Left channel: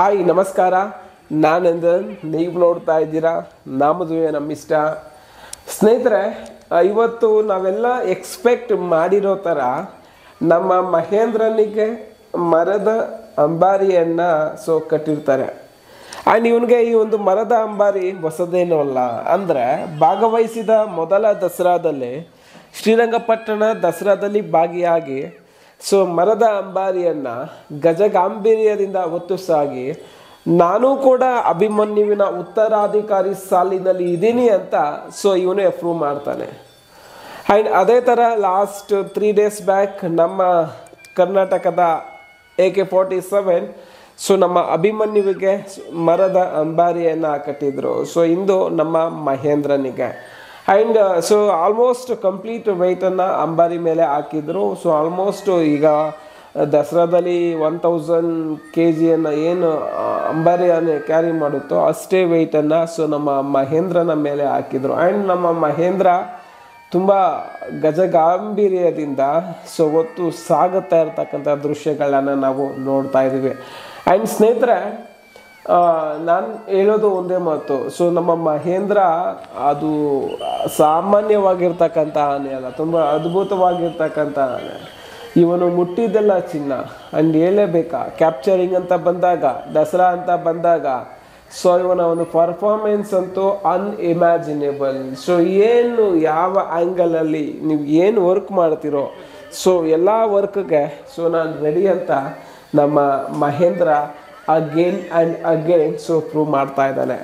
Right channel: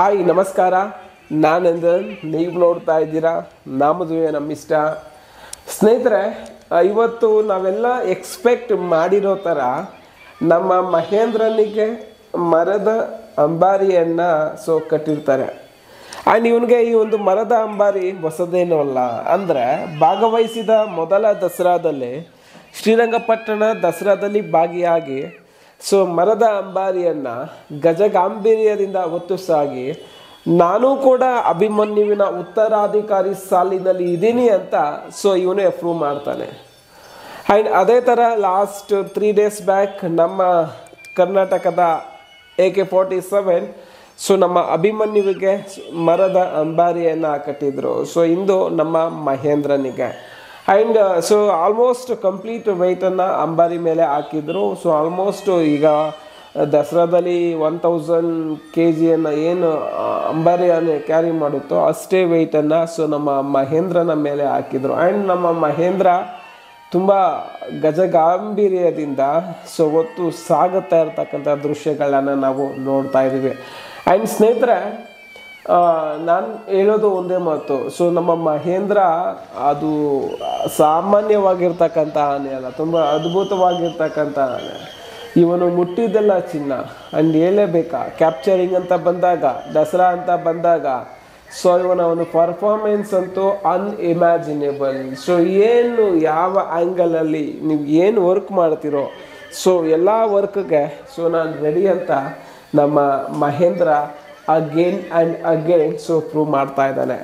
Hi ನಮಸ್ಕಾರ, ನಾನಂದನ್. ನೀವು ನೋಡ್ತಾ ಇದ್ದೀರಾ ನಮ್ಮದುವೆ ನಮ್ಮಿಷ್ಟ. ಸ್ನೇಹಿತರೆ, ಇವತ್ತು ನಾವೆಲ್ಲ ಎಕ್ಸ್ಪೆಕ್ಟ್ ಮಾಡಿರೋ ಥರ ನಮ್ಮ ಮಹೇಂದ್ರನಿಗೆ ಮರದ ಅಂಬಾರಿಯನ್ನು ಕಟ್ಟಿರ್ತಾರೆ. ಆ್ಯಂಡ್ ಇವನಿಗೆ ಈ ಒಂದು ಮರದ ಅಂಬಾರಿ ಹೊಸದೇನೂ ಅಲ್ಲ. ಅಂದರೆ ಭಾಗವಹಿಸಿದ ಮೊದಲ ದಸರಾದಲ್ಲಿ, ಶ್ರೀರಂಗಪಟ್ಟಣ ದಸರಾದಲ್ಲಿ ಭಾಗಿಯಾಗಿ ಮರದ ಅಂಬಾರಿಯನ್ನು ಗಜಗಾಂಭೀರ್ಯದಿಂದ ಹೊತ್ತು ಸಾಗಿ ನಾನು ಕೂಡ ಅಭಿಮನ್ಯುವಿನ ಉತ್ತರಾಧಿಕಾರಿ ಸಾಲಿನಲ್ಲಿ ಇದ್ದೀನಿ ಅಂತ ಇವನೇ ಪ್ರೂವ್ ಮಾಡ್ತಾನೆ. ಆ್ಯಂಡ್ ಅದೇ ಥರ ಲಾಸ್ಟ್ 3 days ಬ್ಯಾಕ್ ನಮ್ಮ ಕರ್ನಾಟಕದ AK-47 ನಮ್ಮ ಅಭಿಮನ್ಯುವಿಗೆ ಮರದ ಅಂಬಾರಿಯನ್ನು ಕಟ್ಟಿದ್ರು. ಇಂದು ನಮ್ಮ ಮಹೇಂದ್ರನಿಗೆ ಆ್ಯಂಡ್ ಆಲ್ಮೋಸ್ಟ್ ಕಂಪ್ಲೀಟ್ ವೆಯ್ಟನ್ನು ಅಂಬಾರಿ ಮೇಲೆ ಹಾಕಿದ್ರು. ಆಲ್ಮೋಸ್ಟ್ ಈಗ ದಸರಾದಲ್ಲಿ 1000 kg ಏನು ಅಂಬಾರಿಯನ್ನು ಕ್ಯಾರಿ ಮಾಡುತ್ತೋ ಅಷ್ಟೇ ವೆಯ್ಟನ್ನು ನಮ್ಮ ಮಹೇಂದ್ರನ ಮೇಲೆ ಹಾಕಿದ್ರು. ಆ್ಯಂಡ್ ನಮ್ಮ ಮಹೇಂದ್ರ ತುಂಬ ಗಜಗಾಂಭೀರ್ಯದಿಂದ ಹೊತ್ತು ಸಾಗುತ್ತಾ ಇರ್ತಕ್ಕಂಥ ದೃಶ್ಯಗಳನ್ನು ನಾವು ನೋಡ್ತಾ ಇದ್ದೀವಿ. ಆ್ಯಂಡ್ ಸ್ನೇಹಿತರೆ, ನಾನು ಹೇಳೋದು ಒಂದೇ ಮಾತು. ನಮ್ಮ ಮಹೇಂದ್ರ ಅದು ಸಾಮಾನ್ಯವಾಗಿರ್ತಕ್ಕಂಥ ಆನೆ ಅಲ್ಲ, ತುಂಬ ಅದ್ಭುತವಾಗಿರ್ತಕ್ಕಂಥ ಆನೆ. ಇವನು ಮುಟ್ಟಿದ್ದೆಲ್ಲ ಚಿನ್ನ. ಆ್ಯಂಡ್ ಹೇಳಲೇಬೇಕಾ, ಕ್ಯಾಪ್ಚರಿಂಗ್ ಅಂತ ಬಂದಾಗ, ದಸರಾ ಅಂತ ಬಂದಾಗ ಇವನ ಒಂದು ಪರ್ಫಾರ್ಮೆನ್ಸ್ ಅಂತೂ ಅನ್ಇಮ್ಯಾಜಿನೇಬಲ್. ಏನು ಯಾವ ಆ್ಯಂಗಲಲ್ಲಿ ನೀವು ಏನು ವರ್ಕ್ ಮಾಡ್ತೀರೋ ಎಲ್ಲ ವರ್ಕ್ಗೆ ನಾನು ರೆಡಿ ಅಂತ ನಮ್ಮ Mahendra again and again prove ಮಾಡ್ತಾ ಇದ್ದಾನೆ.